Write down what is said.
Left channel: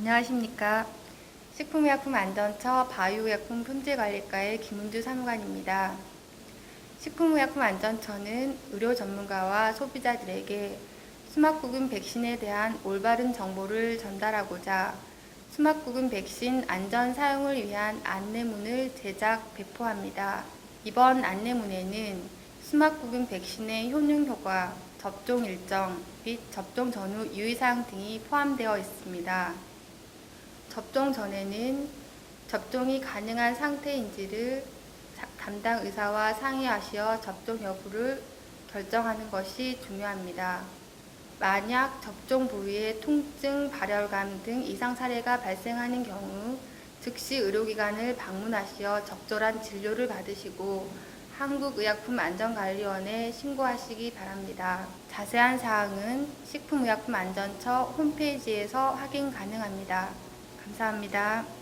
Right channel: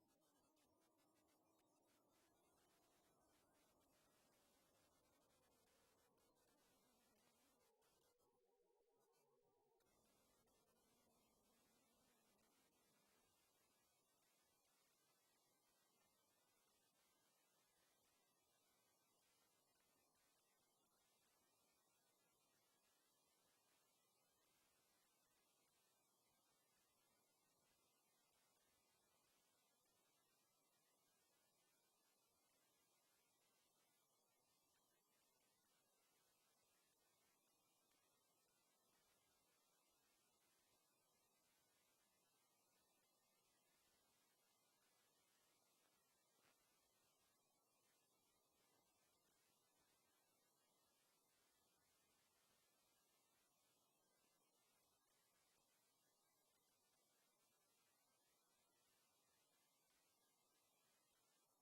안녕하십니까. 식품의약품안전처 바이오약품 품질관리과의 김은주 사무관입니다. 식품의약품안전처는 의료 전문가와 소비자들에게 수막구금 백신에 대한 올바른 정보를 전달하고자 수막구금 백신 안전 사용을 위한 안내문을 제작, 배포합니다. 이번 안내문에는 수막구금 백신의 효능 효과, 접종 일정 및 접종 전후 유의사항 등이 포함되어 있습니다. 접종 전에는 접종이 가능한 상태인지를 사- 담당 의사와 상의하시어 접종 여부를 결정하는 것이 중요합니다. 만약 접종 부위에 통증, 발열감 등 이상 사례가 발생하는 경우 즉시 의료기관을 방문하시어 적절한 진료를 받으시고 한국의약품안전관리원에 신고하시기 바랍니다. 자세한 사항은 식품의약품안전처 홈페이지에서 확인 가능합니다. 감사합니다.